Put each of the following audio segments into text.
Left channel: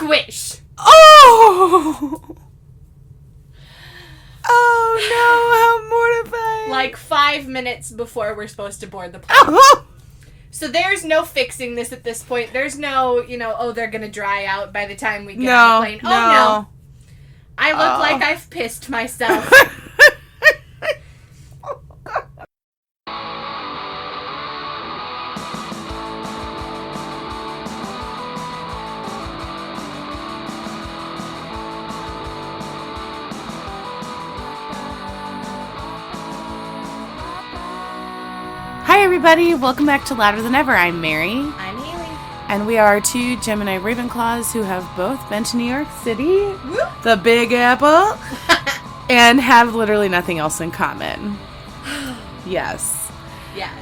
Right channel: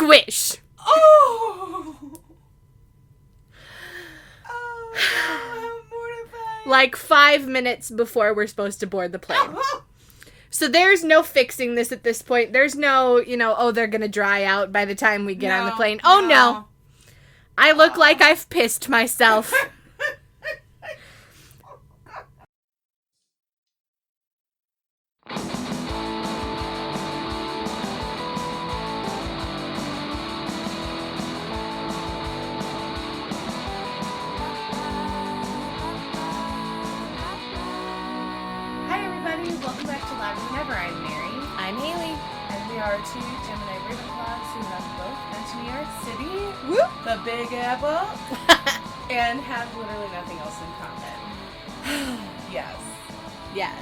Squish. Oh! Oh, no, how mortifying. Like 5 minutes before we're supposed to board the plane. Oh! So there's no fixing this at this point. There's no, they're going to dry out by the time we get on the plane. Oh, no. I look like I've pissed myself. Hi, everybody. Welcome back to Louder Than Ever. I'm Mary. I'm Hailey. And we are two Gemini Ravenclaws who have both been to New York City, Whoop. the Big Apple, and have literally nothing else in common. Yes. Yes.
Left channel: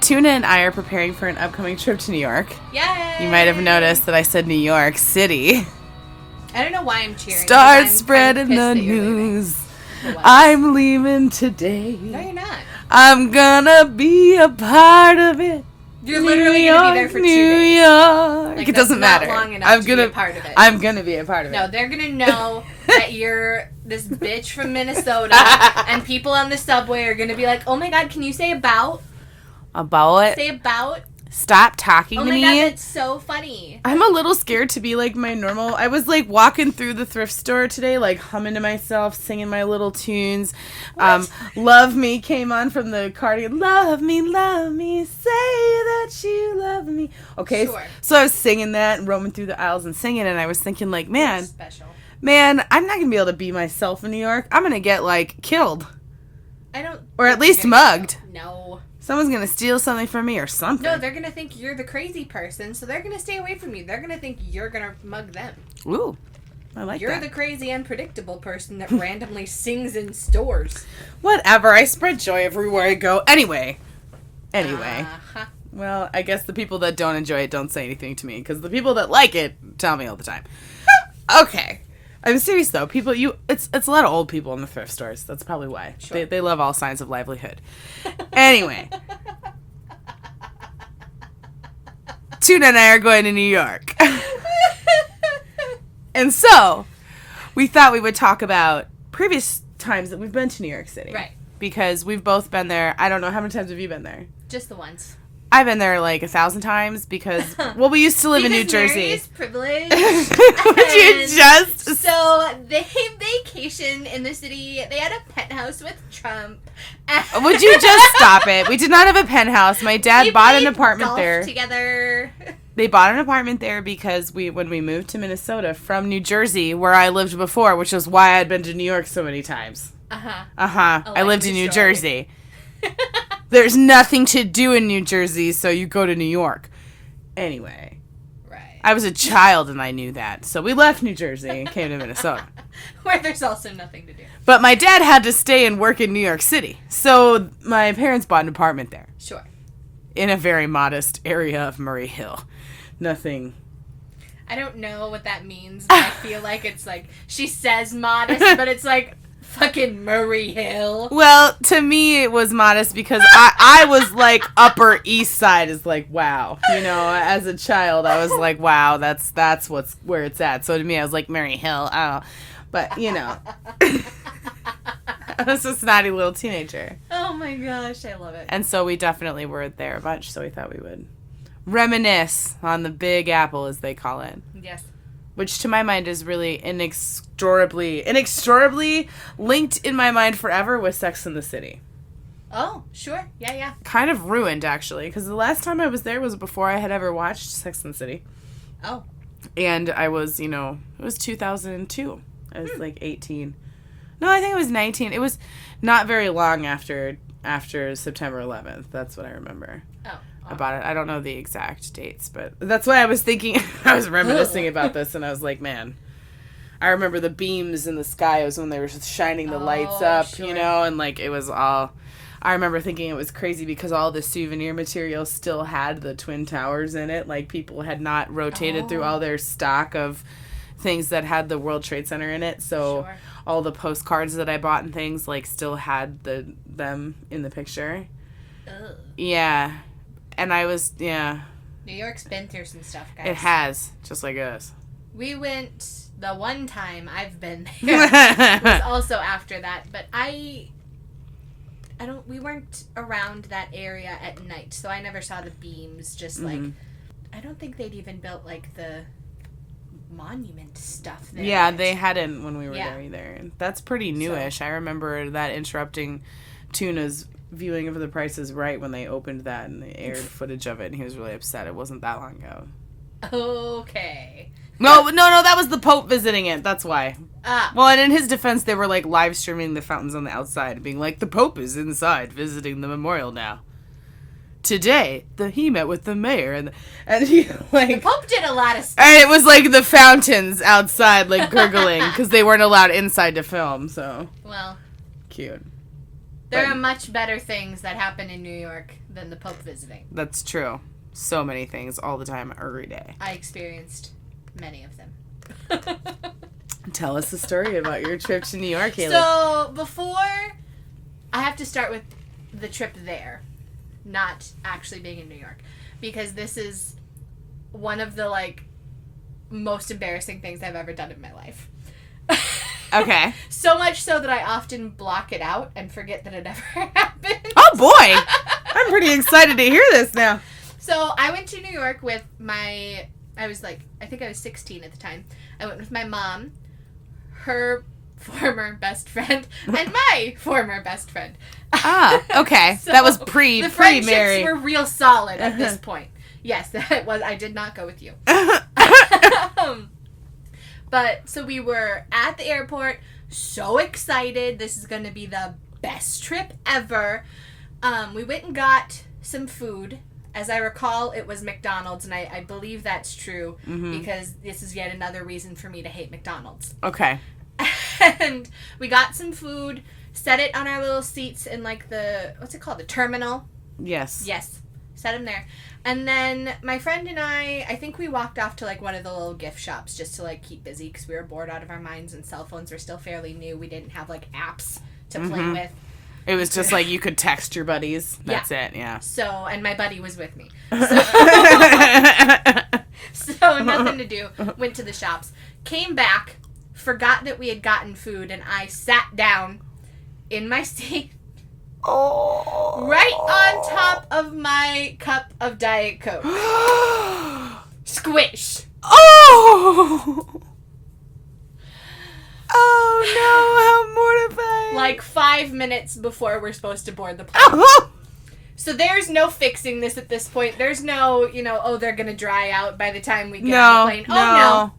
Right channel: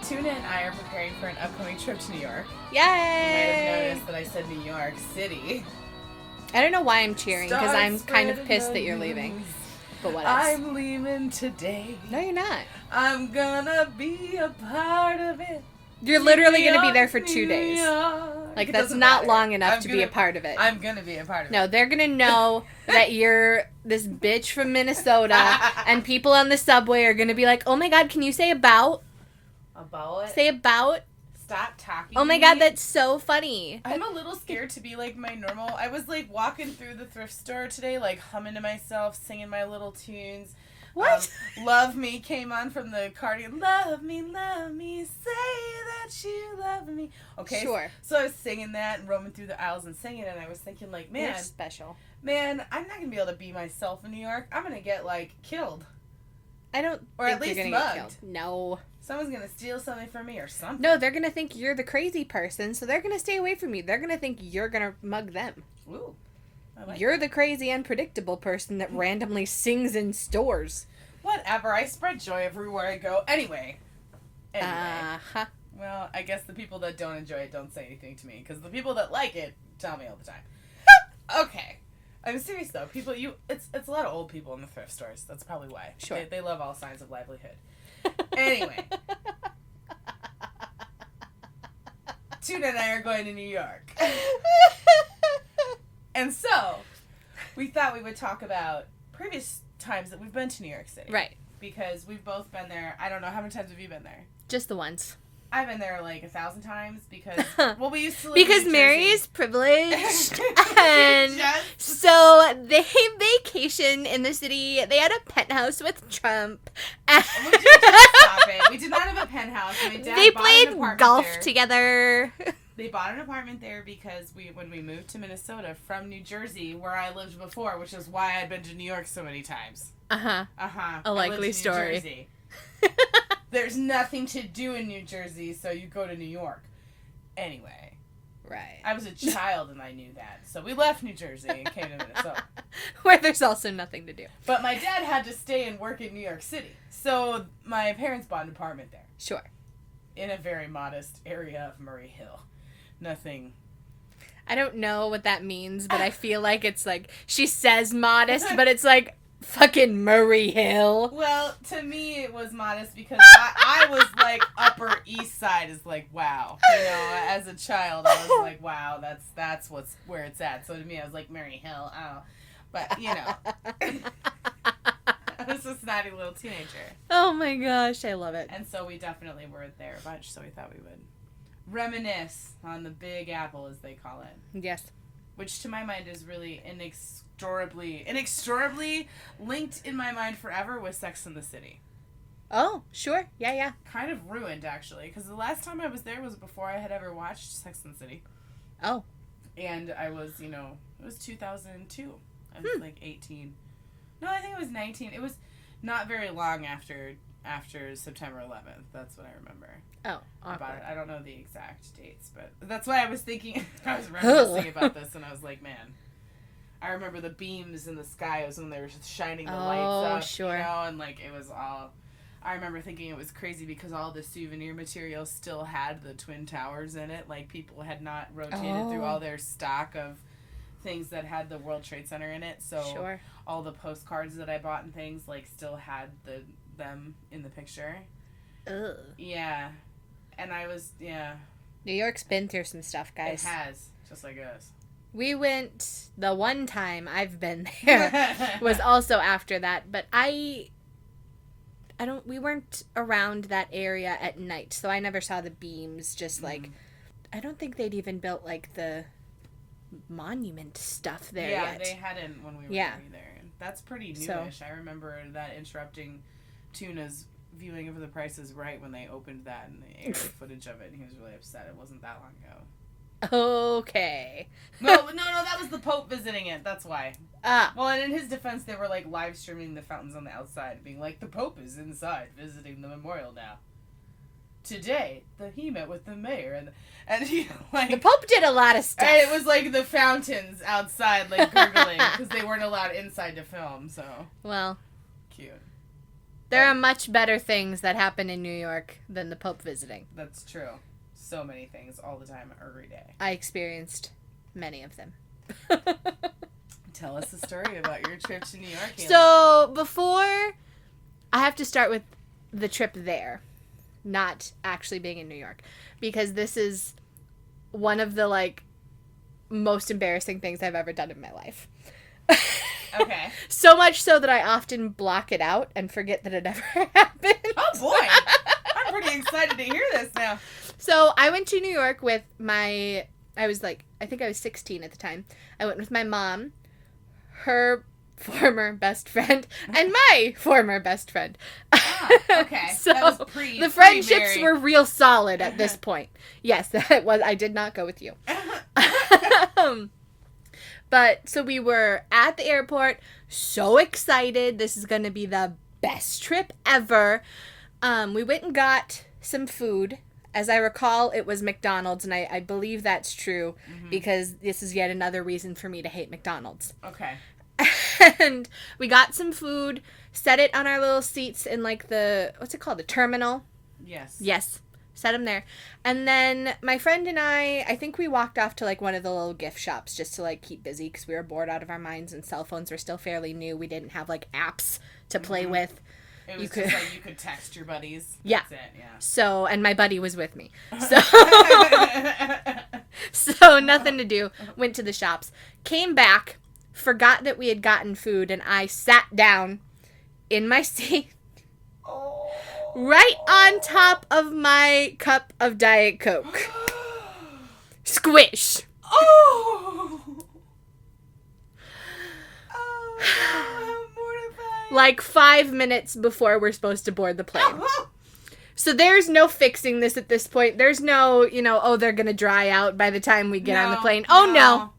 Tuna and I are preparing for an upcoming trip to New York. Yay! You might have noticed that I said New York City. I don't know why I'm cheering. Start I'm spreading kind of the news. leaving. I'm leaving today. No, you're not. I'm gonna be a part of it. You're literally going to be there for 2 days. New York. Like, it doesn't that's matter. Not long enough to be a part of it. I'm gonna be a part of it. No, they're gonna know that you're this bitch from Minnesota, and people on the subway are gonna be like, "Oh my God, can you say about? About? Say about? Stop talking to me. Oh my God, that's so funny." I'm a little scared to be like my normal. I was like walking through the thrift store today, like humming to myself, singing my little tunes. Love Me came on from the cardigan. Love me, say that you love me. Okay, sure. So I was singing that and roaming through the aisles and singing, and I was thinking like, man, special. Man, I'm not gonna be able to be myself in New York. I'm gonna get like killed. I don't. Or at least mugged. No. Someone's gonna steal something from me or something. No, they're gonna think you're the crazy person, so they're gonna stay away from you. They're gonna think you're gonna mug them. Ooh, I like You're that. the crazy, unpredictable person that randomly sings in stores. Whatever. I spread joy everywhere I go. Anyway. Uh-huh. Well, I guess the people that don't enjoy it don't say anything to me, because the people that like it tell me all the time. Okay. I'm serious though. It's a lot of old people in the thrift stores. That's probably why. Sure. They love all signs of livelihood. Anyway. Tuna and I are going to New York. And so, we thought we would talk about previous times that we've been to New York City. Right. Because we've both been there. I don't know, how many times have you been there? Just the ones. I've been there like 1,000 times because, well, we used to live in New Jersey. Mary is privileged. Would you just... So, they vacationed in the city. They had a penthouse with Trump. Would you just stop it? We did not have a penthouse. My dad bought an apartment golf there. Together. They bought an apartment there because when we moved to Minnesota from New Jersey, where I lived before, which is why I'd been to New York so many times. Uh-huh. I lived in New Jersey. There's nothing to do in New Jersey, so you go to New York. Anyway. Right. I was a child and I knew that. So we left New Jersey and came to Minnesota. Where there's also nothing to do. But my dad had to stay and work in New York City. So my parents bought an apartment there. Sure. In a very modest area of Murray Hill. Nothing. I don't know what that means, but I feel like it's like, she says modest, but it's like fucking Murray Hill. Well, to me it was modest because I was like Upper East Side is like, wow. You know, as a child I was like, wow, that's where it's at. So to me I was like, Murray Hill, oh. But, you know. I was a snotty little teenager. Oh my gosh, I love it. And so we definitely were there a bunch, so we thought we would reminisce on the Big Apple, as they call it. Yes. Which, to my mind, is really inexorably linked in my mind forever with Sex and the City. Oh, sure. Yeah. Kind of ruined, actually, because the last time I was there was before I had ever watched Sex and the City. Oh. And I was, it was 2002. I was, 18. No, I think it was 19. It was not very long after September 11th. That's what I remember. Oh. About it. I don't know the exact dates, but that's why I was thinking, I was reminiscing about this, and I was like, man, I remember the beams in the sky. It was when they were shining the lights up, sure. and it was all, I remember thinking it was crazy because all the souvenir material still had the Twin Towers in it. Like, people had not rotated through all their stock of things that had the World Trade Center in it, so sure. all the postcards that I bought and things, still had them in the picture. Ugh. Yeah. And I was, yeah. New York's been through some stuff, guys. It has, just like us. We went, the one time I've been there was also after that, but we weren't around that area at night, so I never saw the beams, just like, I don't think they'd even built, like, the monument stuff there. Yeah, they hadn't when we were there either. That's pretty newish. So, I remember that interrupting Tuna's viewing of The Price is Right when they opened that and they aired footage of it, and he was really upset. It wasn't that long ago. Okay. No, that was the Pope visiting it. That's why. Well, and in his defense, they were, like, live streaming the fountains on the outside, being like, the Pope is inside visiting the memorial now. Today, he met with the mayor, and he, like... The Pope did a lot of stuff. And it was, like, the fountains outside, like, gurgling, because they weren't allowed inside to film, so... Well... Cute. There are much better things that happen in New York than the Pope visiting. That's true. So many things, all the time, every day. I experienced many of them. Tell us a story about your trip to New York, Hailey. So, I have to start with the trip there, not actually being in New York, because this is one of the, like, most embarrassing things I've ever done in my life. Okay. So much so that I often block it out and forget that it ever happened. Oh, boy! I'm pretty excited to hear this now. So, I went to New York with I think I was 16 at the time. I went with my mom, her former best friend, and my former best friend. Ah, okay. So that was pre-Mary. The friendships were real solid at this point. Yes, that was. I did not go with you. But, so we were at the airport, so excited. This is going to be the best trip ever. We went and got some food. As I recall, it was McDonald's, and I believe that's true, because this is yet another reason for me to hate McDonald's. Okay. And we got some food, set it on our little seats in, like, what's it called, the terminal? Yes. Yes. Set them there. And then my friend and I think we walked off to, like, one of the little gift shops just to, like, keep busy, because we were bored out of our minds, and cell phones were still fairly new. We didn't have, like, apps to play with. It was just like you could text your buddies. That's it, yeah. So, and my buddy was with me. So, so nothing to do. Went to the shops. Came back. Forgot that we had gotten food. And I sat down in my seat. Oh. Right on top of my cup of Diet Coke. Squish. Oh. Oh, no, how mortifying. Like 5 minutes before we're supposed to board the plane. So there's no fixing this at this point. There's no, they're going to dry out by the time we get on the plane. No. Oh, no.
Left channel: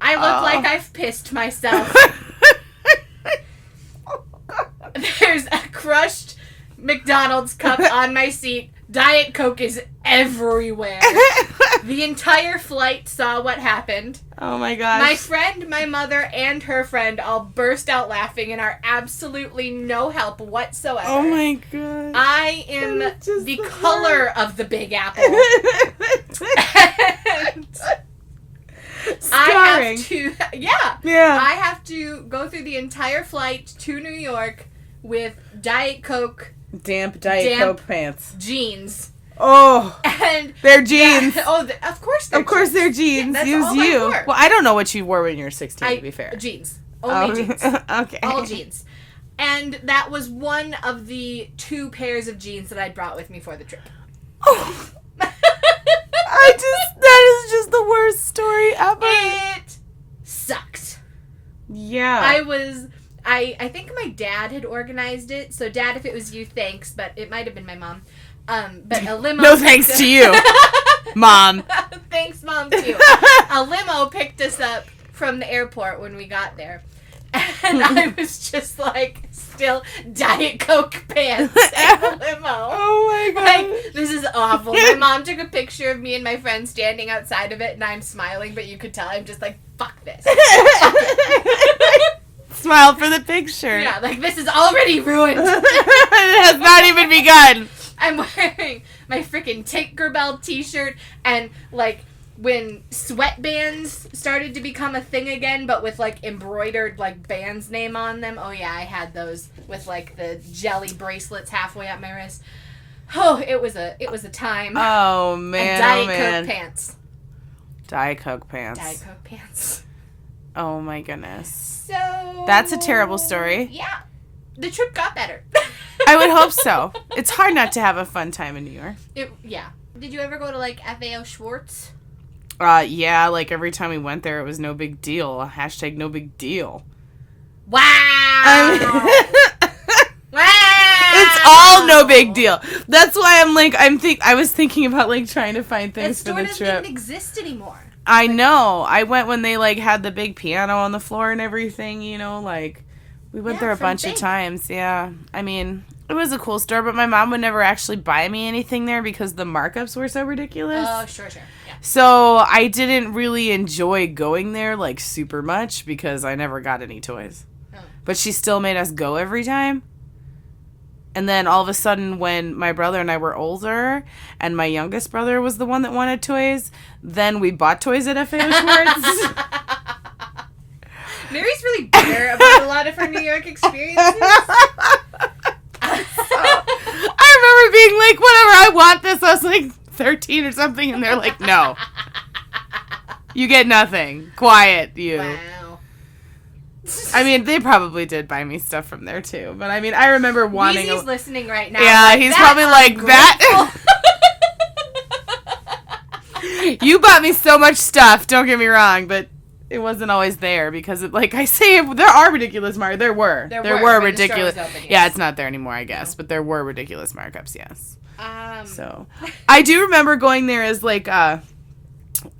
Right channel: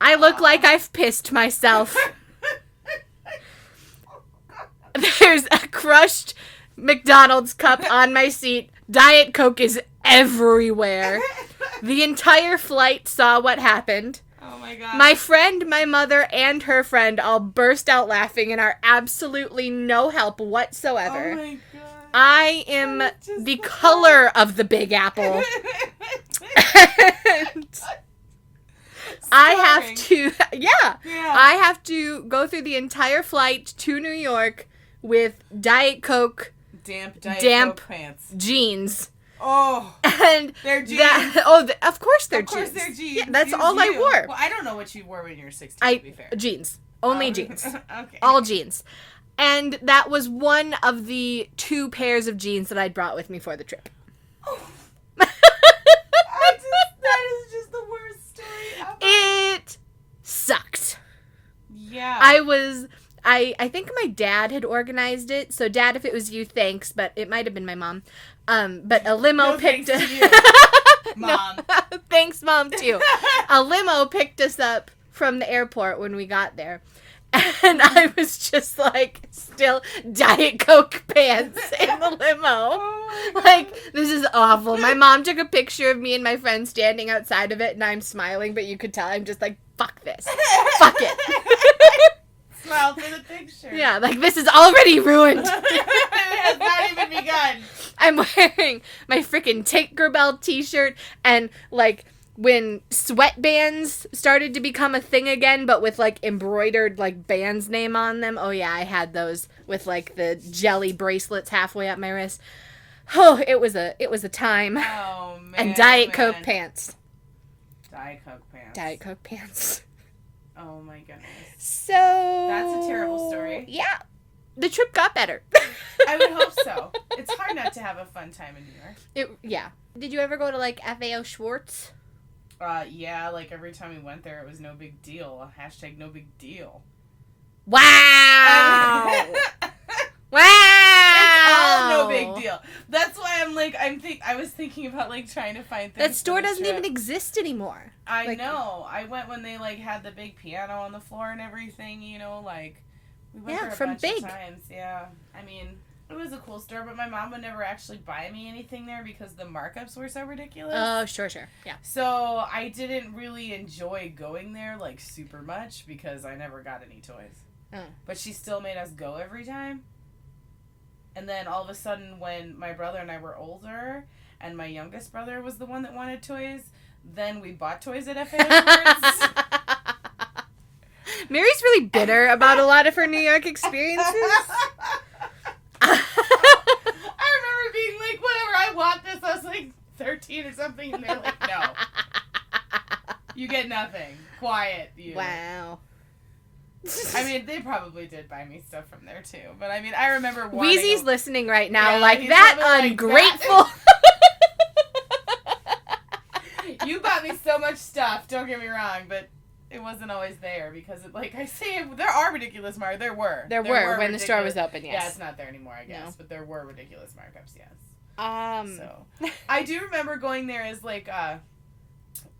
I look like I've pissed myself. There's a crushed McDonald's cup on my seat. Diet Coke is everywhere. The entire flight saw what happened. Oh my gosh. My friend, my mother, and her friend all burst out laughing and are absolutely no help whatsoever. Oh my god. I am the color of the Big Apple. I have to, I have to go through the entire flight to New York with Diet Coke. Damp Coke pants. Jeans. Oh, and they're jeans. Yeah, of course they're jeans. Of course they're jeans. Yeah, that's Use all you. I wore. Well, I don't know what you wore when you were 16, to be fair. Jeans. Only jeans. Okay. All jeans. And that was one of the 2 pairs of jeans that I'd brought with me for the trip. Oh. that is just the worst story ever. It sucked. Yeah. I think my dad had organized it. So, Dad, if it was you, thanks. But it might have been my mom. But a limo... No thanks to you, Mom. Thanks, Mom, too. A limo picked us up from the airport when we got there. And I was just, like, still Diet Coke pants in the limo. Oh, my God. Like, this is awful. My mom took a picture of me and my friend standing outside of it, and I'm smiling, but you could tell I'm just like, fuck this. Fuck it. Smile for the picture. Yeah, like, this is already ruined. It has not even begun. I'm wearing my freaking Tinkerbell t-shirt, and, like, when sweatbands started to become a thing again, but with, like, embroidered, like, band's name on them. Oh, yeah, I had those with, like, the jelly bracelets halfway up my wrist. Oh, it was a time. Oh, man. And Diet Coke pants. Diet Coke pants. Diet Coke pants. Oh my goodness. So... That's a terrible story. Yeah. The trip got better. I would hope so. It's hard not to have a fun time in New York. Yeah. Did you ever go to, like, FAO Schwartz? Yeah, like, every time we went there, it was no big deal. Hashtag no big deal. Wow! Wow! It's all no big deal. That's why I'm like, I was thinking about, like, trying to find things for the trip. That store doesn't even exist anymore. I know. I went when they, like, had the big piano on the floor and everything, you know, like, we went there a bunch of times, yeah. I mean, it was a cool store, but my mom would never actually buy me anything there because the markups were so ridiculous. Oh, sure, yeah. So I didn't really enjoy going there, like, super much because I never got any toys. Oh. But she still made us go every time. And then all of a sudden when my brother and I were older and my youngest brother was the one that wanted toys, then we bought toys at FAO Schwartz. Mary's really bitter about a lot of her New York experiences. I remember being like, whatever, I want this. I was like 13 or something, and they're like, no. You get nothing. Quiet, you. Wow. I mean, they probably did buy me stuff from there, too. But, I mean, I remember wanting... Weezy's listening right now. Yeah, like, he's probably like, that... You bought me so much stuff, don't get me wrong, but... It wasn't always there because, like I say, there are ridiculous markups. There were ridiculous. The open, yes. Yeah, it's not there anymore, I guess. But there were ridiculous markups, yes. So, I do remember going there as like a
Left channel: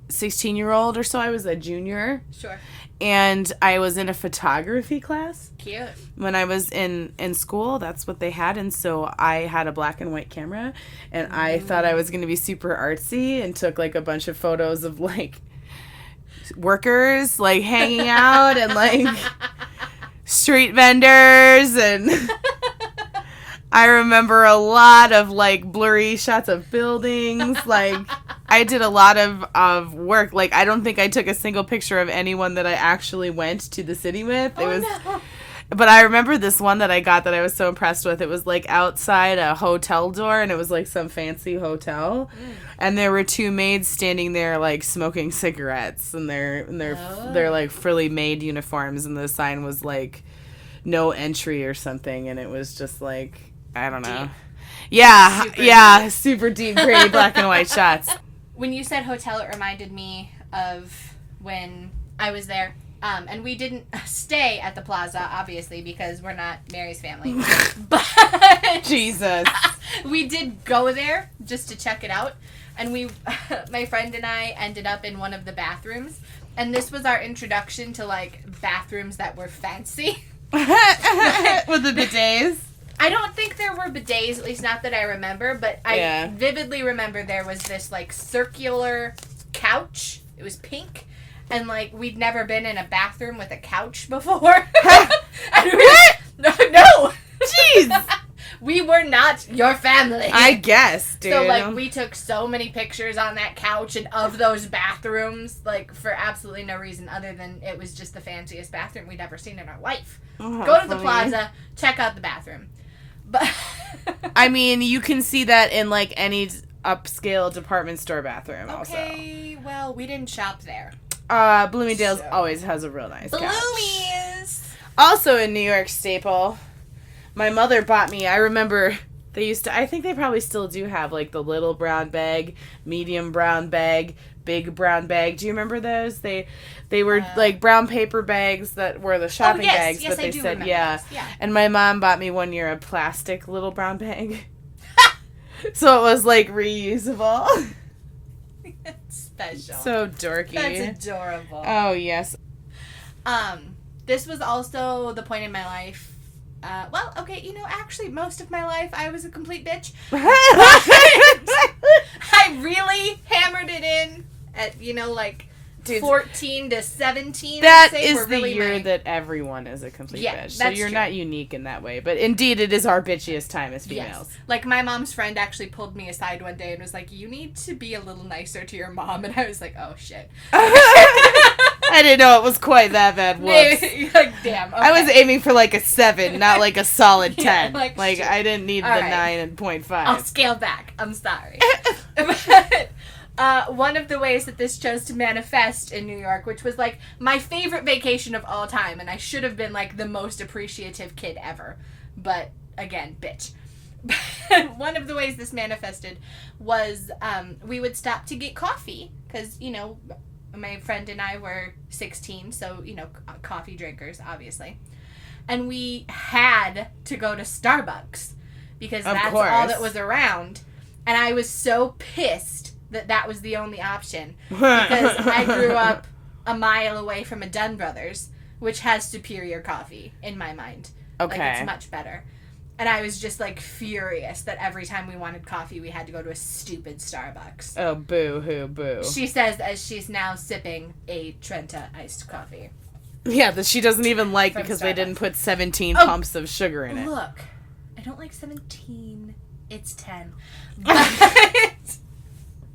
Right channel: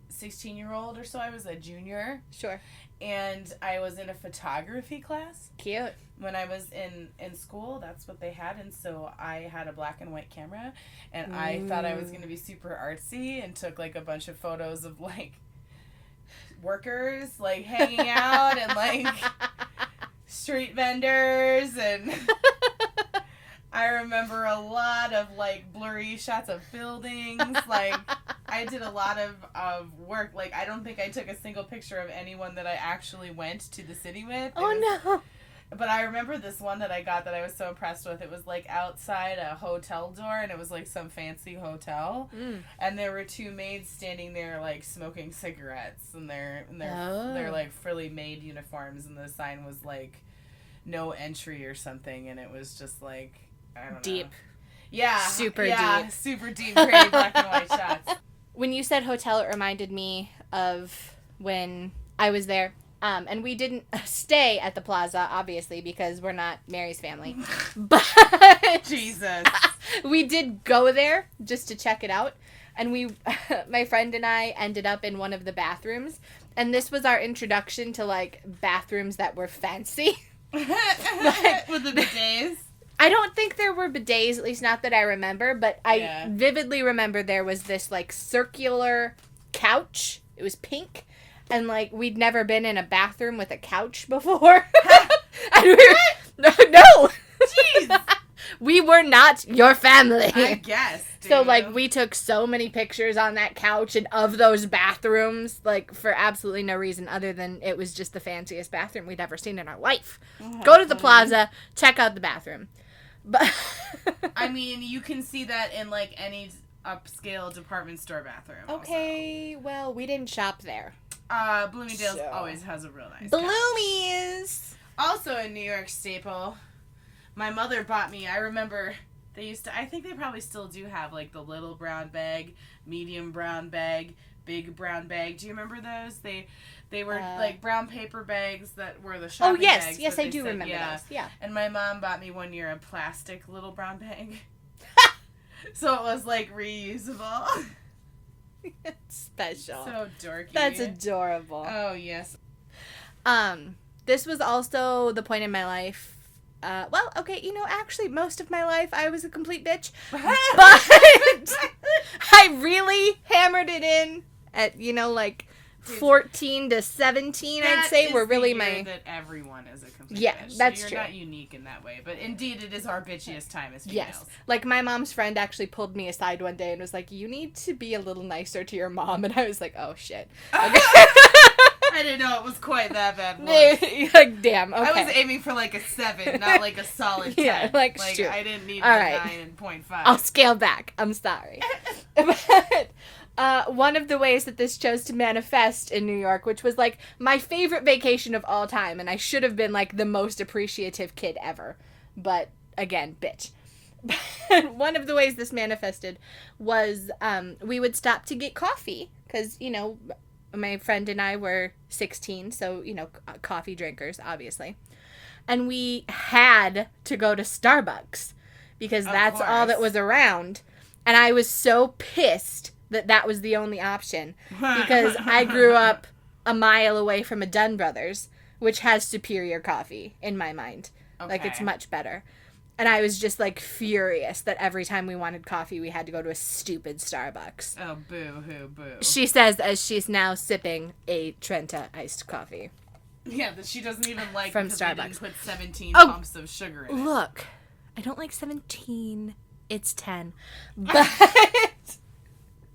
16-year-old or so. I was a junior. Sure. And I was in a photography class. Cute. When I was in school, that's what they had. And so I had a black and white camera. And I thought I was going to be super artsy and took like a bunch of photos of like... workers like hanging out and like street vendors, and I remember a lot of like blurry shots of buildings. Like I did a lot of work. Like I don't think I took a single picture of anyone that I actually went to the city with. No. But I remember this one that I got that I was so impressed with. It was like outside a hotel door, and it was like some fancy hotel. And there were two maids standing there like smoking cigarettes, and they're like frilly maid uniforms, and the sign was like no entry or something, and it was just like, I don't know. Deep. Super deep, pretty black and white shots. When you said hotel, it reminded me of when I was there. And we didn't stay at the plaza, obviously, because we're not Mary's family. But Jesus. We did go there just to check it out. And my friend and I ended up in one of the bathrooms. And this was our introduction to, like, bathrooms that were fancy. With the bidets? I don't think there were bidets, at least not that I remember. But I vividly remember there was this, like, circular couch. It was pink. And, like, we'd never been in a bathroom with a couch before. No. Jeez. We were not your family. I guess, dude. So, like, we took so many pictures on that couch and of those bathrooms, like, for absolutely no reason other than it was just the fanciest bathroom we'd ever seen in our life. Oh, go to the plaza, check out the bathroom. But I mean, you can see that in, like, any upscale department store bathroom okay, also. Well, we didn't shop there. Bloomingdale's always has a real nice couch. Bloomies! Also in New York staple, my mother bought me, I remember they used to, I think they probably still do have, like, the little brown bag, medium brown bag, big brown bag. Do you remember those? They were, like, brown paper bags that were the shopping bags. Yes, but I they do said, remember those. Yeah. And my mom bought me one year a plastic little brown bag. So it was, like, reusable. Special. So dorky. That's adorable. Oh, yes. This was also the point in my life. Well, okay, actually, most of my life I was a complete bitch. But I really hammered it in at, like, 14 to 17, that I'd say. Is were really the year that everyone is a complete bitch. So that's you're true. Not unique in that way. But indeed, it is our bitchiest time as females. Yes. Like, my mom's friend actually pulled me aside one day and was like, you need to be a little nicer to your mom. And I was like, oh, shit. I didn't know it was quite that bad. Whoops. Like, damn. Okay. I was aiming for, like, a 7, not, like, a solid 10. Yeah, like I didn't need the 9.5. I'll scale back. I'm sorry. one of the ways that this chose to manifest in New York, which was, like, my favorite vacation of all time, and I should have been, like, the most appreciative kid ever. But, again, bitch. One of the ways this manifested was we would stop to get coffee, because, you know, my friend and I were 16, so, you know, coffee drinkers, obviously. And we had to go to Starbucks, because that's all that was around. And I was so pissed that was the only option, because I grew up a mile away from a Dunn Brothers, which has superior coffee, in my mind. Okay. Like, it's much better. And I was just, like, furious that every time we wanted coffee, we had to go to a stupid Starbucks. Oh, boo-hoo, boo. She says as she's now sipping a Trenta iced coffee. Yeah, that she doesn't even like From because Starbucks. they didn't put 17 pumps of sugar in it. Look, I don't like 17. It's 10. But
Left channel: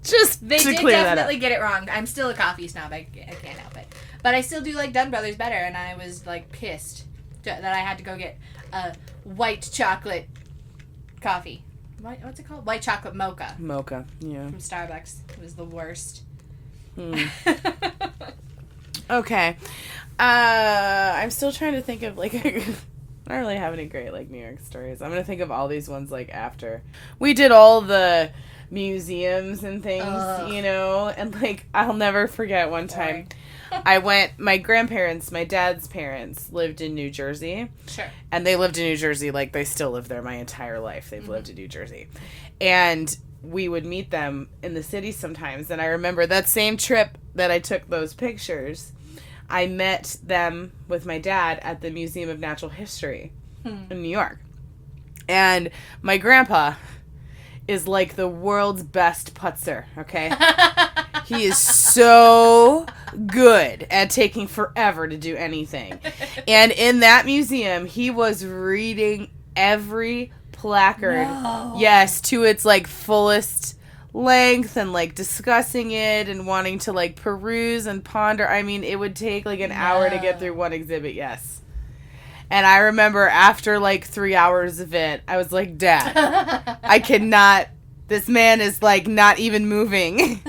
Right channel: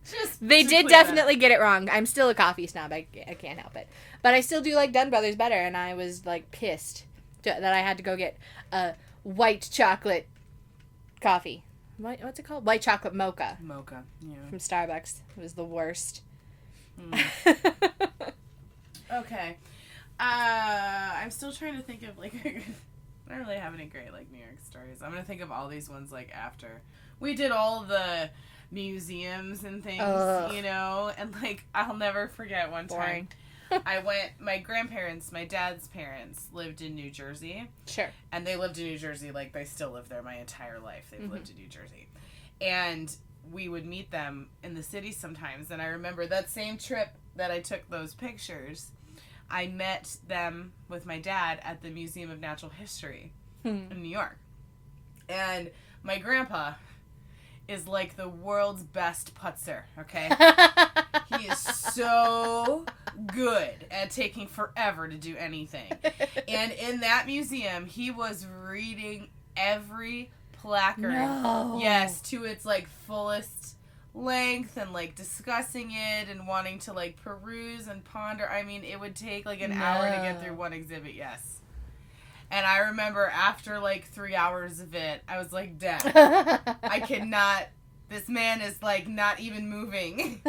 Just they to did clear that up. definitely get it wrong. I'm still a coffee snob. I can't help it. But I still do like Dunn Brothers better, and I was, like, pissed that I had to go get a white chocolate coffee. What's it called? White chocolate mocha. Mocha, yeah. From Starbucks. It was the worst. Okay. I'm still trying to think of, like, I don't really have any great, like, New York stories. I'm going to think of all these ones, like, after. We did all the museums and things, you know, and, like, I'll never forget one time. My grandparents, my dad's parents, lived in New Jersey. Sure. And they lived in New Jersey, like, they still live there my entire life. They've lived in New Jersey. And we would meet them in the city sometimes. And I remember that same trip that I took those pictures, I met them with my dad at the Museum of Natural History in New York. And my grandpa is, like, the world's best putzer, okay? He is so good at taking forever to do anything. And in that museum, he was reading every placard, yes, to its, like, fullest length, and, like, discussing it and wanting to, like, peruse and ponder. I mean, it would take, like, an hour to get through one exhibit, yes. And I remember after, like, 3 hours of it, I was like, Dad, I cannot, this man is, like, not even moving.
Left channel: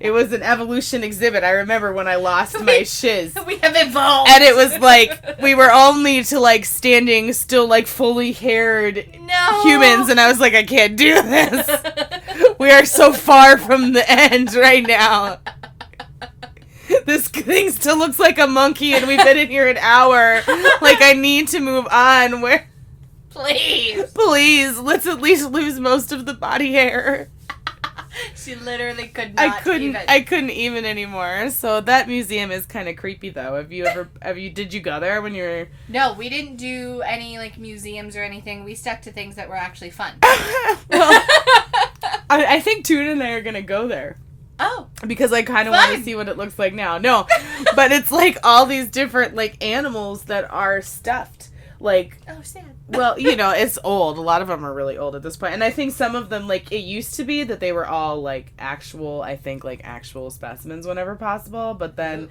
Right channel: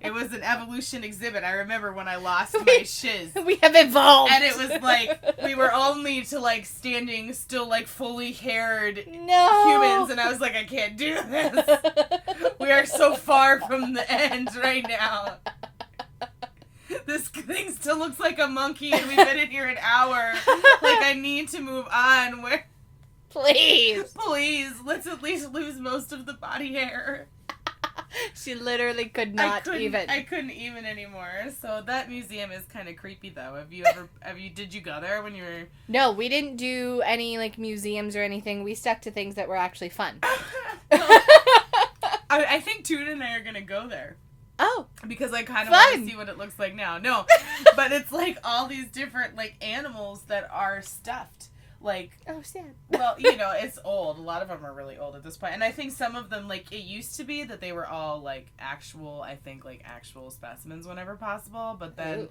It was an evolution exhibit. I remember when I lost my shiz. We have evolved. And it was, like, we were only to, like, standing still, like, fully haired humans. And I was like, I can't do this. We are so far from the end right now. This thing still looks like a monkey, and we've been in here an hour. Like, I need to move on. Please, let's at least lose most of the body hair. She literally could not even. I couldn't even anymore. So that museum is kind of creepy, though. Did you go there when you were? No, we didn't do any, like, museums or anything. We stuck to things that were actually fun. Well, I think Tuna and I are going to go there. Oh. Because I kind of want to see what it looks like now. No, but it's, like, all these different, like, animals that are stuffed. Like, oh, sad. Well, you know, it's old. A lot of them are really old at this point. And I think some of them, like, it used to be that they were all, like, actual specimens whenever possible. But then,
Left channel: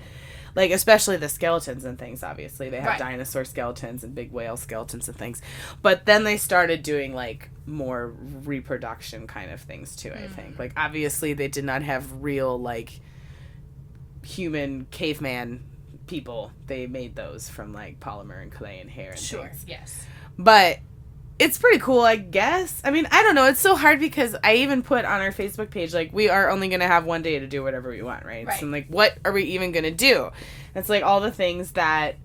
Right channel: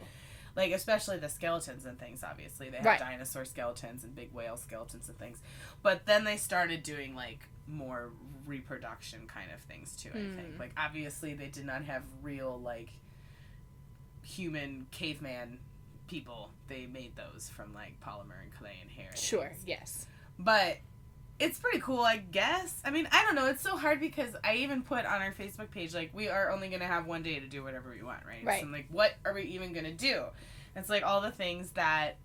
like, especially the skeletons and things, obviously. They have dinosaur skeletons and big whale skeletons and things. But then they started doing, like, more reproduction kind of things, too, I think. Like, obviously they did not have real, like, human caveman people. They made those from, like, polymer and clay and hair and things. Yes. But it's pretty cool, I guess. I mean, I don't know. It's so hard because I even put on our Facebook page, like, we are only going to have one day to do whatever we want, right? So I'm like, what are we even going to do? It's like all the things that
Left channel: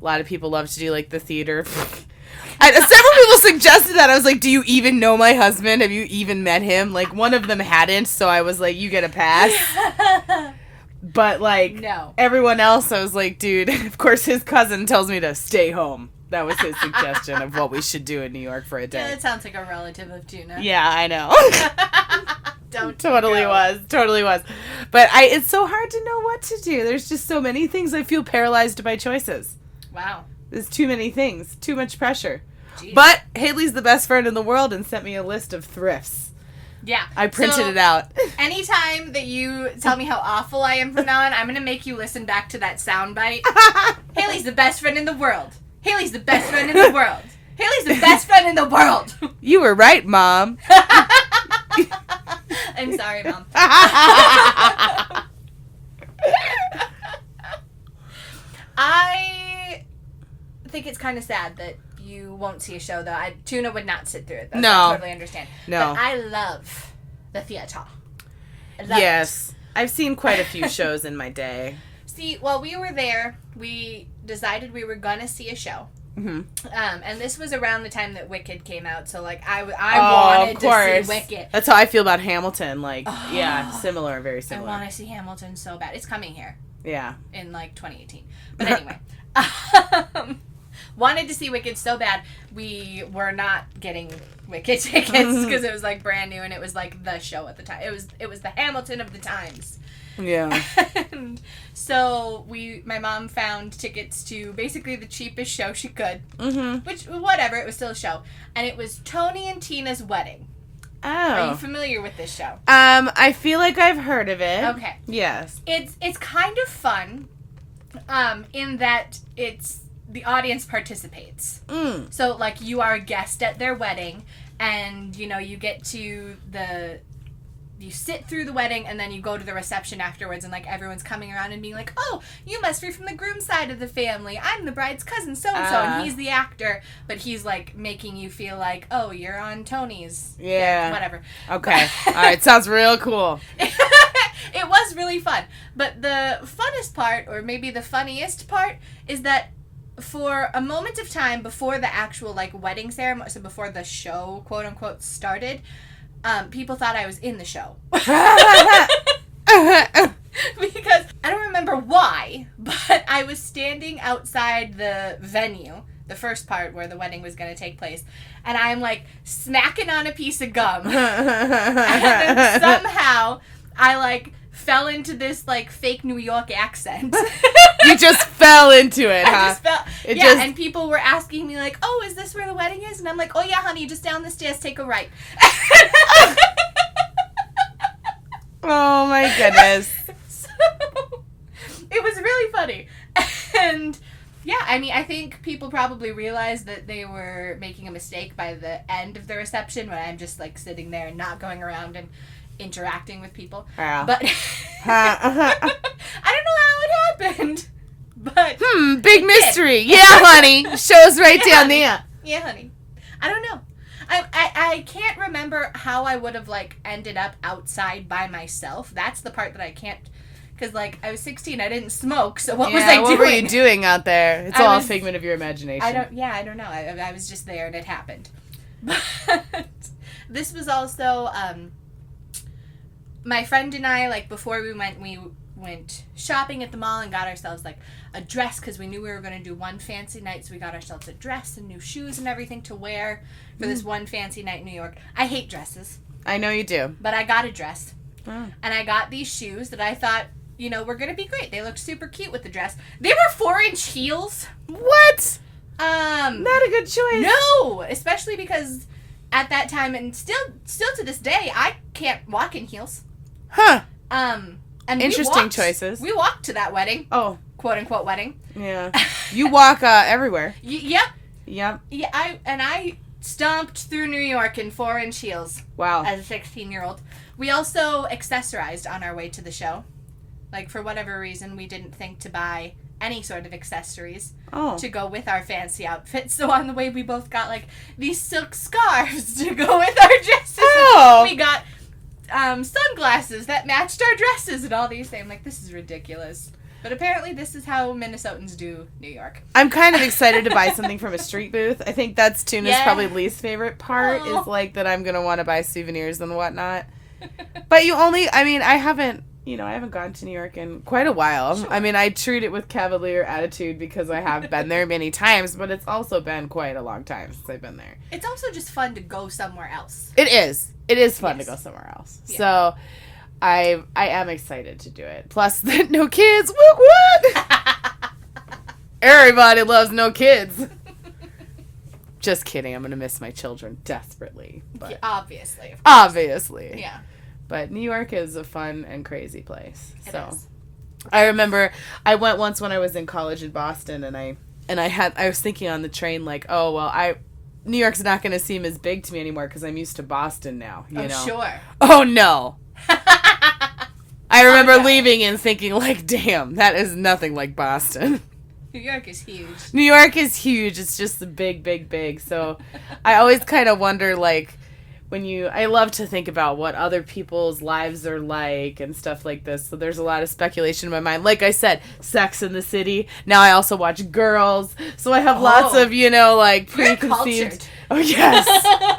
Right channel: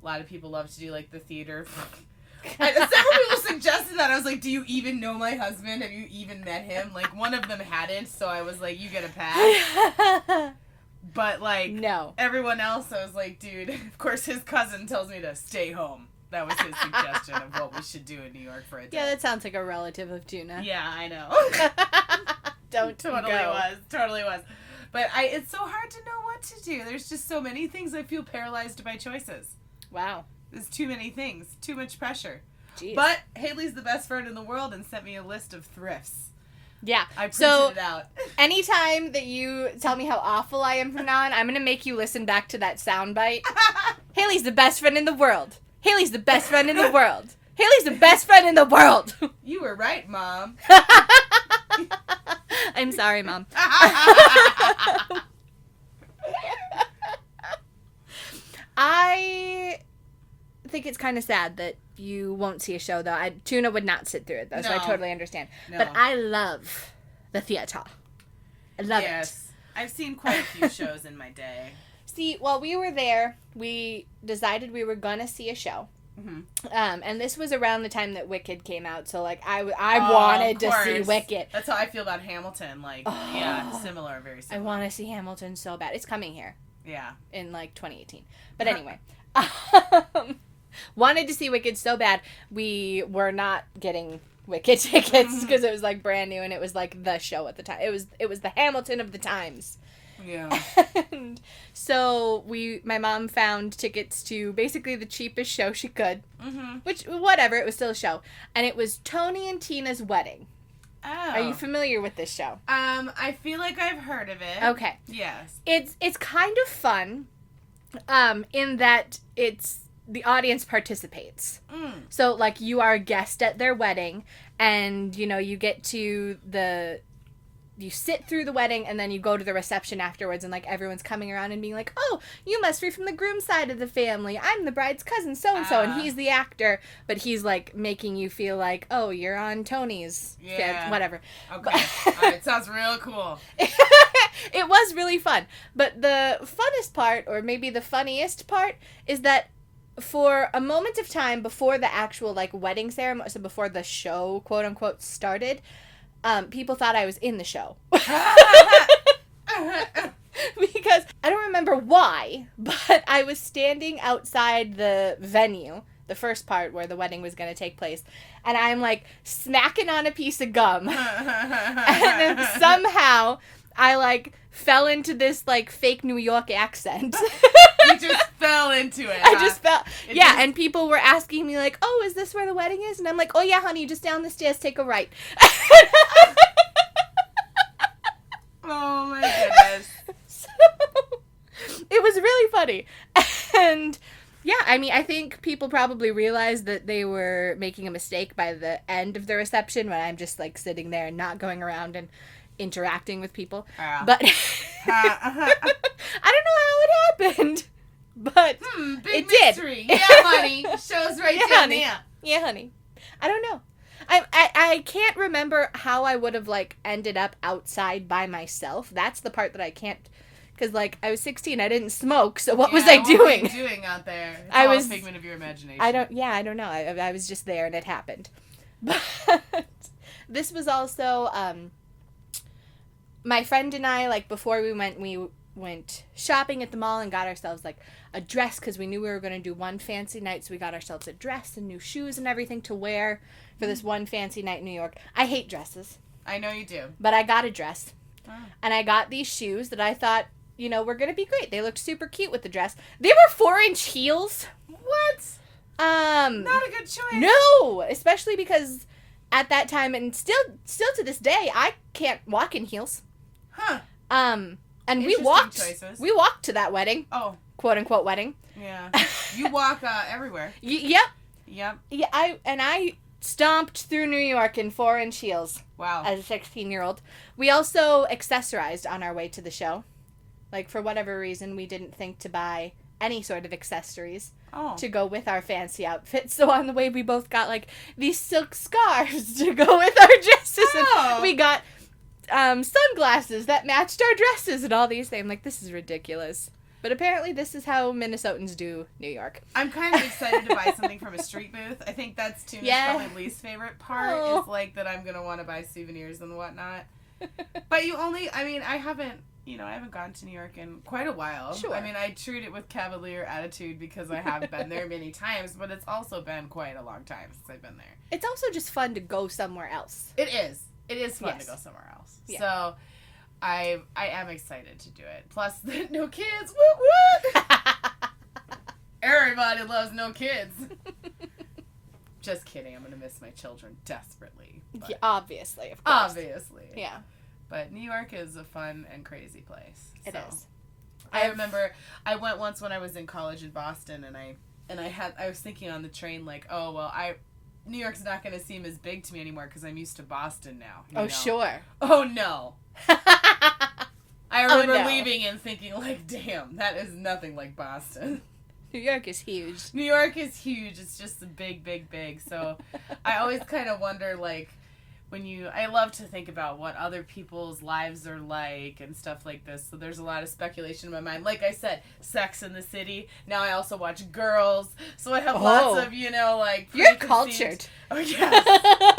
a lot of people love to do, like the theater. Several people suggested that. I was like, do you even know my husband? Have you even met him? Like, one of them hadn't, so I was like, you get a pass. But, like, everyone else, I was like, dude, of course his cousin tells me to stay home. That was his suggestion of what we should do in New York for a day. Yeah, that sounds like a relative of Tuna. Yeah, I know. Totally was. But it's so hard to know what to do. There's just so many things. I feel paralyzed by choices. Wow. There's too many things. Too much pressure. Jeez. But Hailey's the best friend in the world and sent me a list of thrifts. Yeah. I printed it out. Anytime that you tell me how awful I am from now on, I'm going to make you listen back to that soundbite. Haley's the best friend in the world. Haley's the best friend in the world. Haley's the best friend in the world. You were right, Mom. I I'm sorry, Mom. I think it's kind of sad that you won't see a show, though. Tuna would not sit through it, though. No. So I totally understand. No. But I love the theater. I love yes. I've seen quite a few shows in my day. See, while we were there, we decided we were going to see a show. Mm-hmm. And this was around the time that Wicked came out, so, like, I wanted to see Wicked. That's how I feel about Hamilton. Like, yeah, similar, very similar. I want to see Hamilton so bad. It's coming here. Yeah. In, like, 2018. But anyway. Wanted to see Wicked so bad, we were not getting Wicked tickets because it was, like, brand new and it was, like, the show at the time. It was the Hamilton of the times. Yeah. And so my mom found tickets to basically the cheapest show she could. Mm-hmm. Which, whatever, it was still a show. And it was Tony and Tina's wedding. Oh. Are you familiar with this show? I feel like I've heard of it. Okay. Yes. It's kind of fun, in that the audience participates. Mm. So, like, you are a guest at their wedding, and, you know, you get to you sit through the wedding, and then you go to the reception afterwards, and, like, everyone's coming around and being like, oh, you must be from the groom's side of the family. I'm the bride's cousin, so-and-so, and he's the actor, but he's, like, making you feel like, oh, you're on Tony's. Yeah. Whatever. Okay. All right. Sounds real cool. It was really fun. But the funnest part, or maybe the funniest part, is that for a moment of time before the actual, like, wedding ceremony, so before the show, quote-unquote, started, people thought I was in the show. Because I don't remember why, but I was standing outside the venue, the first part where the wedding was going to take place, and I'm, like, smacking on a piece of gum. And then somehow I, like, fell into this, like, fake New York accent. You just fell into it, huh? I just fell. And people were asking me, like, oh, is this where the wedding is? And I'm like, oh, yeah, honey, just down the stairs, take a right. Oh, my goodness. So, it was really funny. And, yeah, I mean, I think people probably realized that they were making a mistake by the end of the reception when I'm just, like, sitting there and not going around and interacting with people. But I don't know how it happened. But big mystery. Yeah, honey. Show's right down there. Yeah, honey. I don't know. I can't remember how I would have, like, ended up outside by myself. That's the part that I can't, because, like, I was 16, I didn't smoke, so what was I doing? What were you doing out there? It's all a figment of your imagination. I don't know. I was just there and it happened. But this was also, my friend and I, like, before we went shopping at the mall and got ourselves, like, a dress, because we knew we were going to do one fancy night, so we got ourselves a dress and new shoes and everything to wear for this one fancy night in New York. I hate dresses. I know you do. But I got a dress. Oh. And I got these shoes that I thought, you know, were going to be great. They looked super cute with the dress. They were 4-inch heels. What? Not a good choice. No, especially because at that time, and still to this day, I can't walk in heels. Huh. And interesting choices. We walked to that wedding. Oh. Quote unquote wedding. Yeah. You walk everywhere. Yep. Yep. Yeah, I stomped through New York in 4-inch heels. Wow. As a 16-year-old. We also accessorized on our way to the show. Like, for whatever reason, we didn't think to buy any sort of accessories to go with our fancy outfits. So on the way, we both got, like, these silk scarves to go with our dresses. Oh. We got sunglasses that matched our dresses and all these things. I'm like, this is ridiculous. But apparently this is how Minnesotans do New York. I'm kind of excited to buy something from a street booth. I think that's Tuna's probably least favorite part is, like, that I'm going to want to buy souvenirs and whatnot. But I haven't gone to New York in quite a while. Sure. I mean, I treat it with cavalier attitude because I have been there many times, but it's also been quite a long time since I've been there. It's also just fun to go somewhere else. It is. It is fun to go somewhere else. Yeah. So I am excited to do it. Plus, no kids. Whoop, whoop. Everybody loves no kids. Just kidding. I'm going to miss my children desperately. But yeah, obviously. Of course. Obviously. Yeah. But New York is a fun and crazy place. It is. I remember I went once when I was in college in Boston, and I was thinking on the train, like, oh, well, New York's not going to seem as big to me anymore because I'm used to Boston now. You know? Sure. Oh, no. I remember leaving and thinking, like, damn, that is nothing like Boston. New York is huge. New York is huge. It's just the big. So I always kind of wonder, like, I love to think about what other people's lives are like and stuff like this. So there's a lot of speculation in my mind. Like I said, Sex in the City. Now I also watch Girls. So I have lots of, like, preconceived. Oh, yes.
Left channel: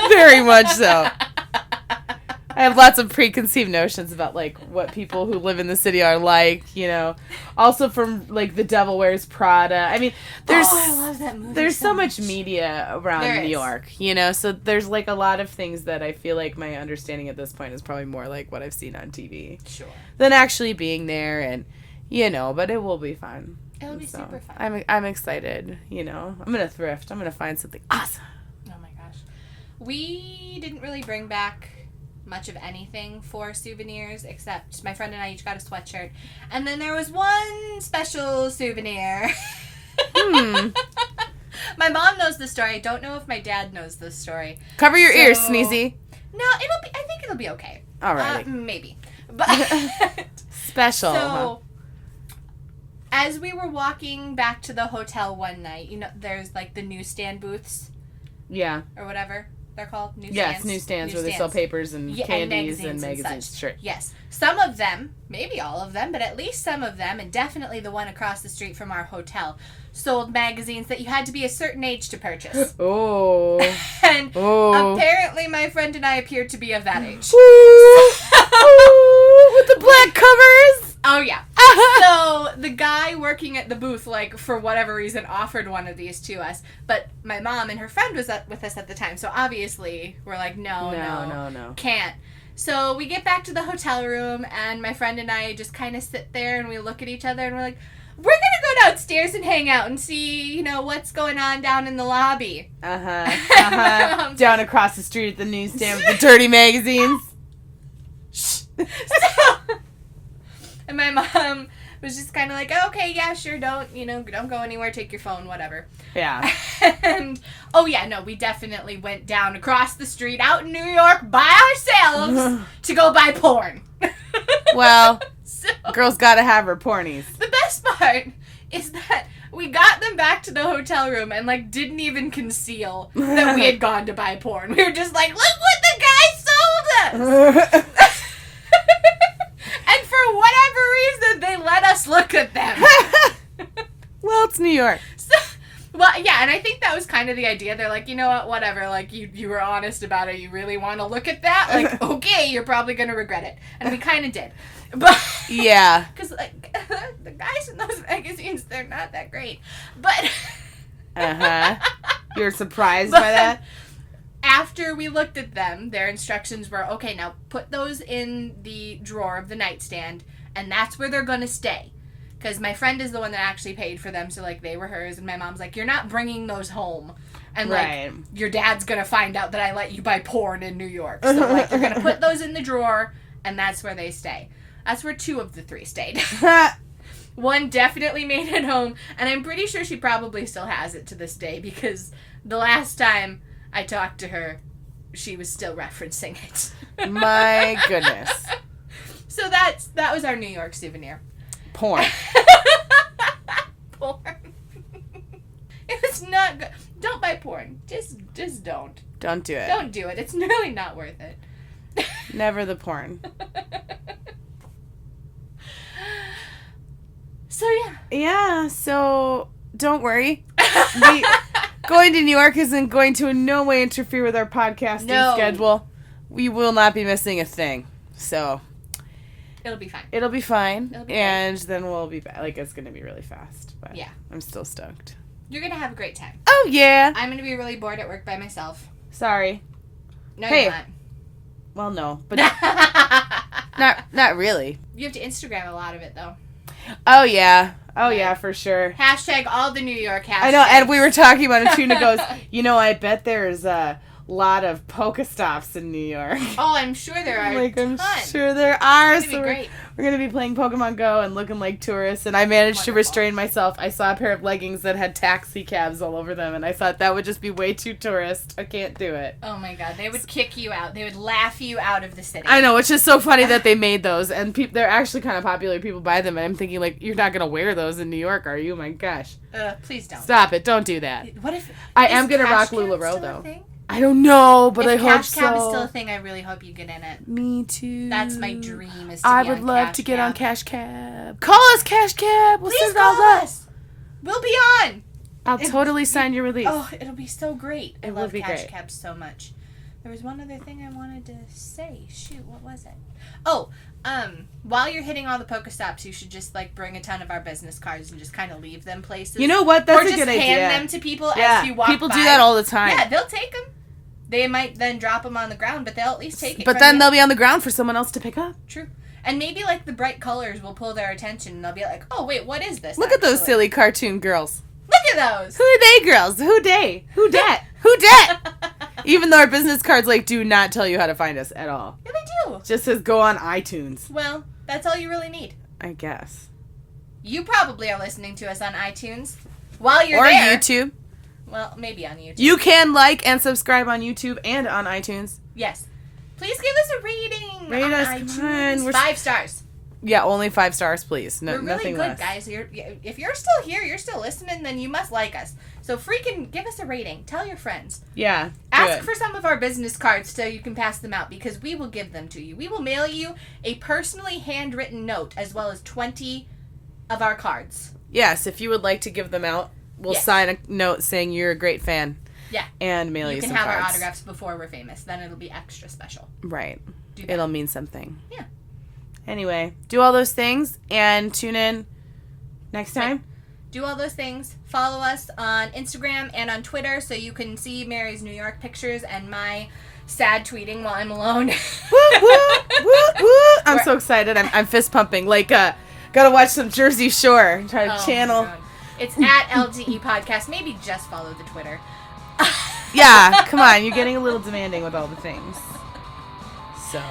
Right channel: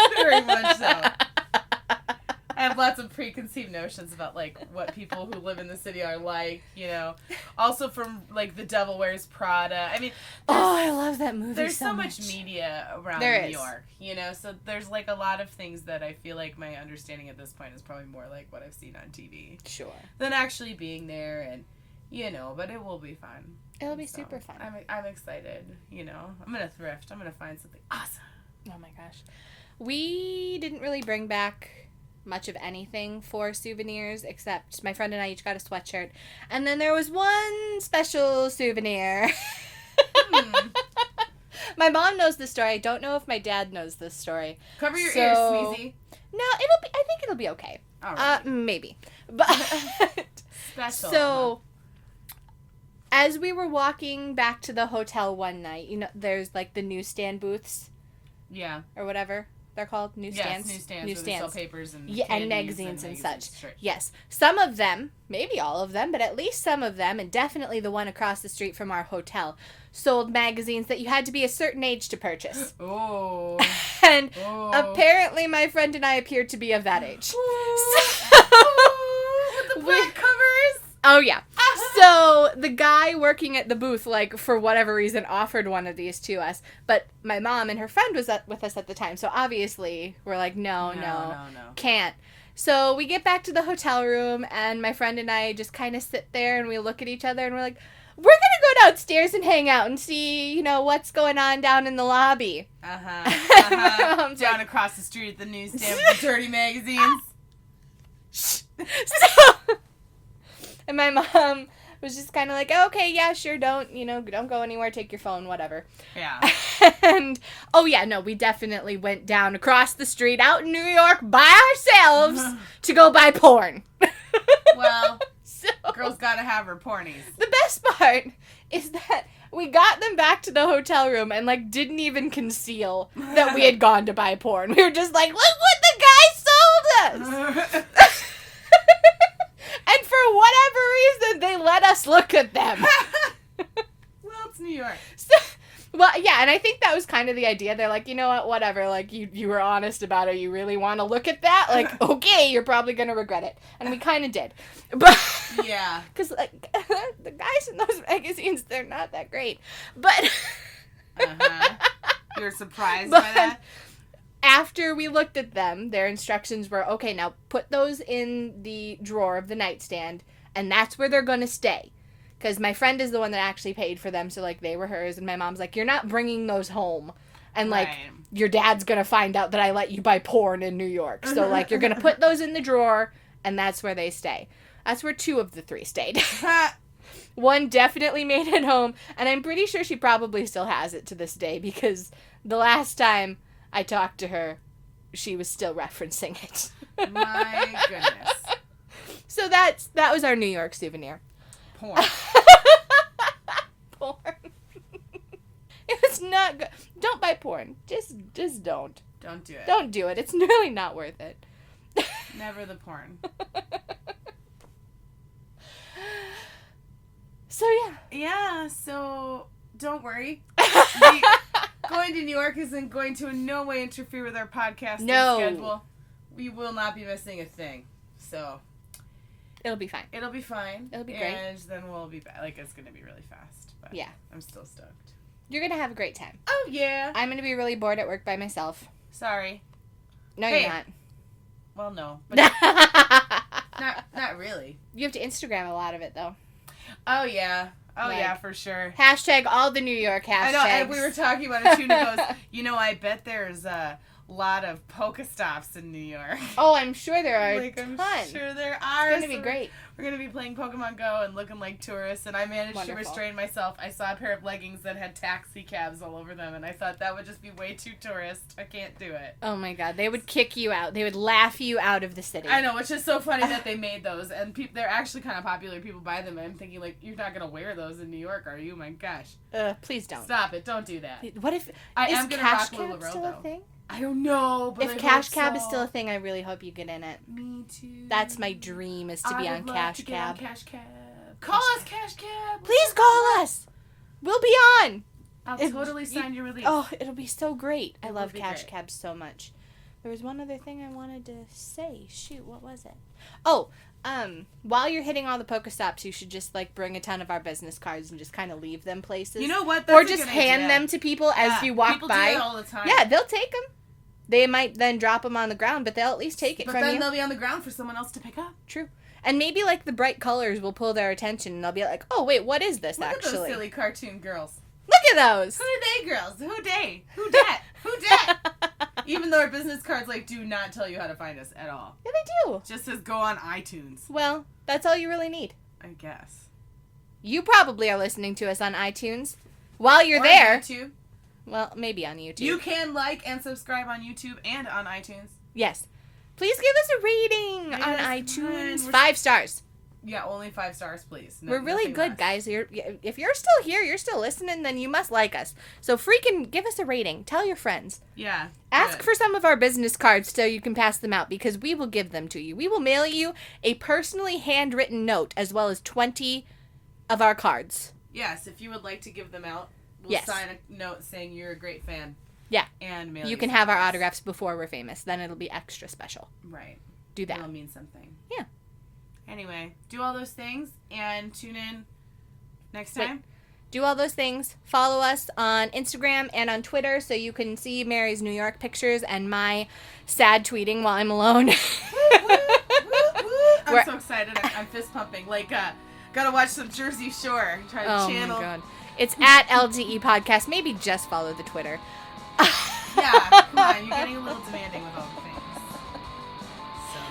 Very much so. I have lots of preconceived notions about, like, what people who live in the city are like, Also from, like, The Devil Wears Prada. I mean, I love that movie. There's so much media around New York, So there's, like, a lot of things that I feel like my understanding at this point is probably more like what I've seen on TV. Sure. Than actually being there and, but it will be fun. It'll be super fun. I'm excited, I'm going to thrift. I'm going to find something awesome. Oh, my gosh. We didn't really bring back much of anything for souvenirs, except my friend and I each got a sweatshirt. And then there was one special souvenir. My mom knows the story. I don't know if my dad knows this story. Cover your ears, Sneezy. No, I think it'll be okay. All right. Maybe. But special. So, as we were walking back to the hotel one night, there's, like, the newsstand booths. Yeah. Or whatever they're called. Newsstands. Yes, newsstands where they sell papers and candies and magazines. And such. Sure. Yes. Some of them, maybe all of them, but at least some of them, and definitely the one across the street from our hotel, sold magazines that you had to be a certain age to purchase. Oh. And apparently my friend and I appeared to be of that age. With the black covers? Oh, yeah. So the guy working at the booth, like, for whatever reason, offered one of these to us. But my mom and her friend was with us at the time. So obviously we're like, no, can't. So we get back to the hotel room, and my friend and I just kind of sit there, and we look at each other, and we're like, we're going to go downstairs and hang out and see, what's going on down in the lobby. Down across the street at the newsstand with the dirty magazines. And my mom was just kind of like, okay, yeah, sure, don't go anywhere, take your phone, whatever. Yeah. And, we definitely went down across the street out in New York by ourselves to go buy porn. Well, girl's gotta have her pornies. The best part is that we got them back to the hotel room and, like, didn't even conceal that we had gone to buy porn. We were just like, look what the guy sold us! And for whatever reason, they let us look at them. Well, it's New York. And I think that was kind of the idea. They're like, you know what, whatever, like, you were honest about it. You really want to look at that? Like, okay, you're probably going to regret it. And we kind of did. But yeah. Because, like, the guys in those magazines, they're not that great. But You're surprised by that? After we looked at them, their instructions were, okay, now put those in the drawer of the nightstand, and that's where they're going to stay. Because my friend is the one that actually paid for them, so, like, they were hers, and my mom's like, you're not bringing those home. And, like, your dad's going to find out that I let you buy porn in New York. So, like, you're going to put those in the drawer, and that's where they stay. That's where 2 of the 3 stayed. One definitely made it home, and I'm pretty sure she probably still has it to this day, because the last time I talked to her, she was still referencing it. My goodness. So that was our New York souvenir. Porn. Porn. It was not good. Don't buy porn. Just don't. Don't do it. Don't do it. It's really not worth it. Never the porn. So, yeah. Yeah, so don't worry. Going to New York isn't going to in no way interfere with our podcasting schedule. We will not be missing a thing. So it'll be fine. It'll be fine. It'll be and great. Then we'll be back. Like, it's going to be really fast. But yeah. I'm still stoked. You're going to have a great time. Oh, yeah. I'm going to be really bored at work by myself. Sorry. No, you're not. Well, no. But not really. You have to Instagram a lot of it, though. Oh, yeah. Oh, yeah, for sure. Hashtag all the New York hashtags. I know, and we were talking about it. Tuna goes, I bet there's lot of Pokestops in New York. Oh, I'm sure there are. I'm sure there are. It's gonna be great. We're going to be playing Pokemon Go and looking like tourists. And I managed to restrain myself. I saw a pair of leggings that had taxi cabs all over them. And I thought that would just be way too tourist. I can't do it. Oh, my God. They would kick you out. They would laugh you out of the city. I know. Which is so funny that they made those. And they're actually kind of popular. People buy them. And I'm thinking, like, you're not going to wear those in New York, are you? My gosh. Please don't. Stop it. Don't do that. What if... I am going to rock LuLaRoe, though. I don't know, but I hope so. If Cash Cab is still a thing, I really hope you get in it. Me too. That's my dream, is to be I on would love Cash to get Cab. on Cash Cab. Call us, Cash Cab. Please call us. We'll be on. I'll totally sign your release. Oh, it'll be so great. I love Cash great. Cab so much. There was one other thing I wanted to say. Shoot, what was it? Oh, while you're hitting all the Pokestops, you should just, like, bring a ton of our business cards and just kind of leave them places. You know what? That's a good idea. Or just hand them to people as you walk by. People do that all the time. Yeah, they'll take them. They might then drop them on the ground, but they'll at least take it. But then they'll be on the ground for someone else to pick up. True. And maybe, like, the bright colors will pull their attention, and they'll be like, oh, wait, what is this? Look at those silly cartoon girls. Look at those. Who are they girls? Who they? Who dat? Who dat? Even though our business cards, like, do not tell you how to find us at all. Yeah, they do. Just says go on iTunes. Well, that's all you really need. I guess. You probably are listening to us on iTunes while you're there. Or YouTube. Well, maybe on YouTube. You can like and subscribe on YouTube and on iTunes. Yes. Please give us a rating on iTunes. Come on. 5 stars. Yeah, only 5 stars, please. No, We're really nothing good, less. guys. If you're still here, you're still listening, then you must like us. So freaking give us a rating. Tell your friends. Yeah. Ask for some of our business cards so you can pass them out, because we will give them to you. We will mail you a personally handwritten note as well as 20 of our cards. Yes, if you would like to give them out, we'll sign a note saying you're a great fan. Yeah. And mail you You can some have cards. our autographs before we're famous. Then it'll be extra special. Right. Do that. It'll mean something. Yeah. Anyway, do all those things and tune in next time. Right. Do all those things. Follow us on Instagram and on Twitter so you can see Mary's New York pictures and my sad tweeting while I'm alone. Woo, woo, woo, woo. I'm so excited. I'm fist pumping. Like, gotta watch some Jersey Shore. Try to channel. My God. It's at LGE Podcast. Maybe just follow the Twitter. Yeah, come on. You're getting a little demanding with all the things. So,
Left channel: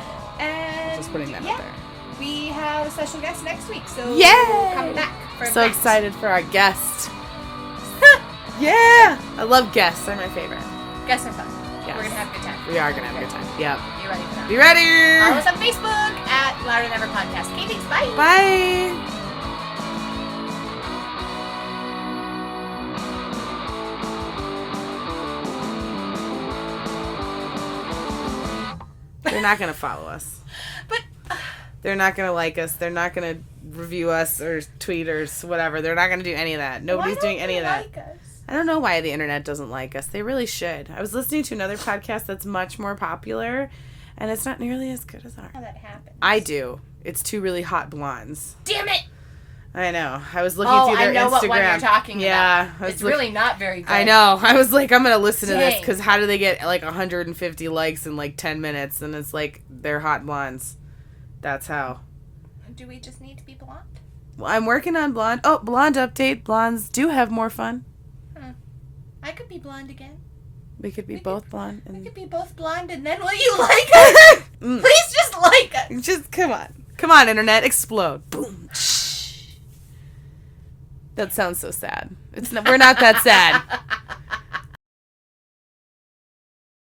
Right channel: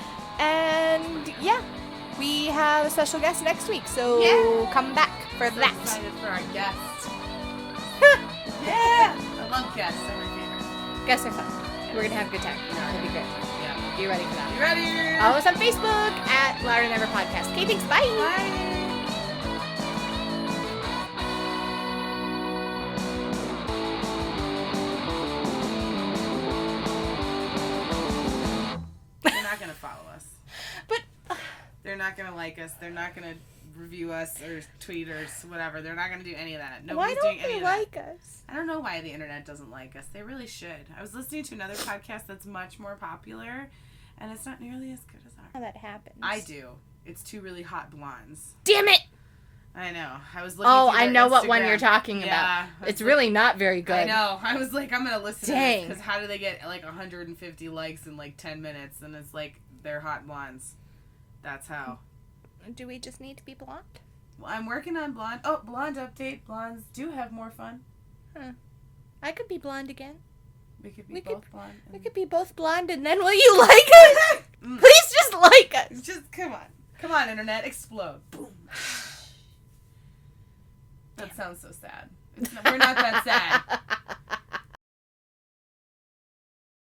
and just putting that out there. We have a special guest next week, so come back for so that. excited for our guest. Yeah! I love guests. They're my favorite. Guests are fun. Yes. We're going to have a good time. We are going to have a good time. Yeah. You ready for that? You ready? Follow us on Facebook at Louder Than Ever Podcast. Okay, thanks. Bye. Bye. They're not going to follow us. But they're not going to like us. They're not going to review us or tweet or whatever. They're not going to do any of that. Nobody's doing any of that. Like us? I don't know why the internet doesn't like us. They really should. I was listening to another podcast that's much more popular, and it's not nearly as good as ours. How that happens? I do. It's 2 really hot blondes. Damn it! I know. I was looking through their Instagram. I know what one you're talking about. Yeah. It's really not very good. I know. I was like, I'm going to listen to this, Dang. because how do they get like 150 likes in like 10 minutes? And it's like, they're hot blondes. That's how. Do we just need to be blonde? Well, I'm working on blonde. Oh, blonde update. Blondes do have more fun. I could be blonde again. We could be both blonde. We could be both blonde, and then will you like us? Please just like us. Just come on. Come on, internet. Explode. Boom. That sounds so sad. We're not that sad.